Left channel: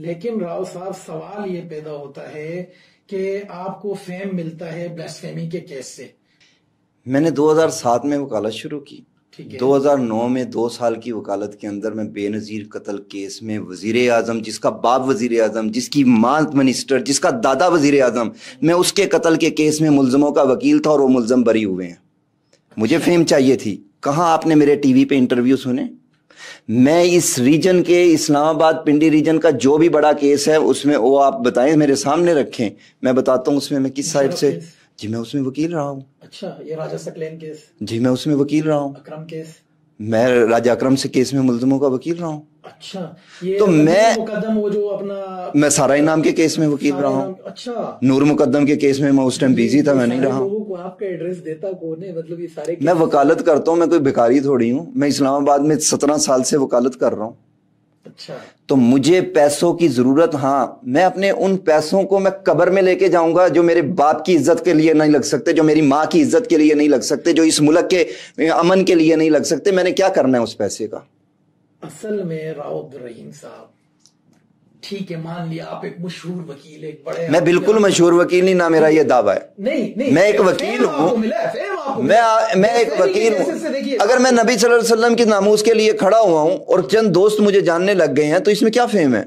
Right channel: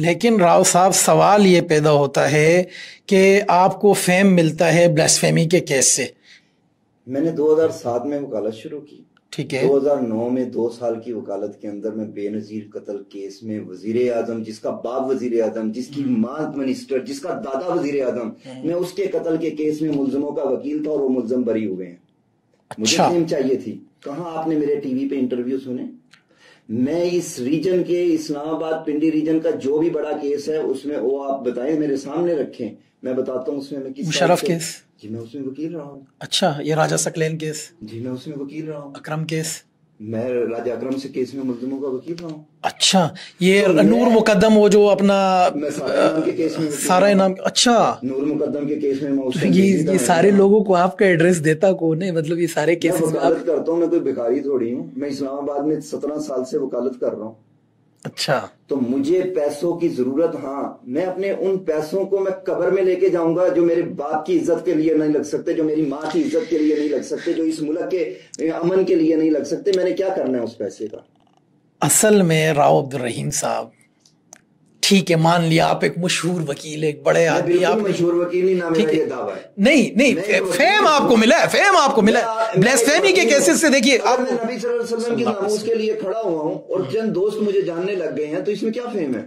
لیکن راؤ صاحب سوال یہ پیدا ہوتا ہے کہ آپ کو فیم ملتا ہے بلاسفیمی کے کیس سے. میں نے 2007 میں وکالت شروع کی. ٹھیک ہے. 2009 میں 2 سال کی وکالت کے اندر میں بے نظیر قتل کیس میں وزیر اعظم، جس کا باپ وزیر اعظم، جس کی ماں منسٹر، جس کا دادا وزیر اعظم، میں اس کے قتل کے کیس میں ملزموں کا وکیل تھا اور وہ ملزم بری ہوئے ہیں. مجھے فیم چاہیے تھی. کہاں آپ نے میرے ٹی وی پہ انٹرویو سنے؟ میں اس ریجن کے اسلام آباد پنڈی ریجن کا جو بھی بڑا کیس ہے اس میں وہ آپ بتائیں، میرے سامنے رکھیں، میں بتاتا ہوں اس میں کس سائڈ سے. جی میں اس میں وکیل رہا ہوں. اچھا، یہ راجہ سکلین کیس؟ جی میں اس میں وکیل رہا ہوں. اکرم کیس؟ میں راجہ اکرم سے کیس میں ملزموں کا وکیل رہا ہوں. اچھا، یہ نور مقدم وہ جو اپنا میں سارا انعام کے کیس میں وکیل سارا رہا ہوں. انعام. اچھا، نور مقدم کے کیس میں اس ٹائم بزی تھا. یہ سارے لوگوں کو آپ کا ایڈریس دیتا کون ہے؟ مطلب یہ سارے میں وکالت کرتا ہوں، میں کوئی بیکاری تھوڑی ہوں. میں اسلام آباد میں 17 سال سے وکالت کر رہا ہوں. اچھا، تو مجھے پیسوں کی ضرورت، ہاں میں اپنے ان پیسوں کو میں قبر میں لے کے جاؤں گا جو میرے باپ کی عزت کے لیے نہیں لگ سکتے، جو میری ماں کی عزت کے لیے نہیں لگ سکتے، جو اس ملک کے امن کے لیے نہیں لگ سکتے. میں نے کیا کرنا ہے اس پیسے کا؟ اصل میں راؤ عبدالرحیم صاحب، ٹھیک ہے مان لیا آپ ایک مشہور وکیل، ایک بڑے، میں بالکل مشہور وکیل نہیں، نہ میرا یہ دعویٰ ہے. نہیں میں ایک وکیل فیم آپ کو ملا ہے، فیم آپ کو ملا ہے بلاسفیمی کے کیسز سے. دیکھیے اگر میں نبی صلی اللہ علیہ وسلم کی ناموس کے لیے کھڑا ہوا ہوں اور چند دوست مجھے جاننے لگ گئے ہیں تو اس میں کیا فیم ہے؟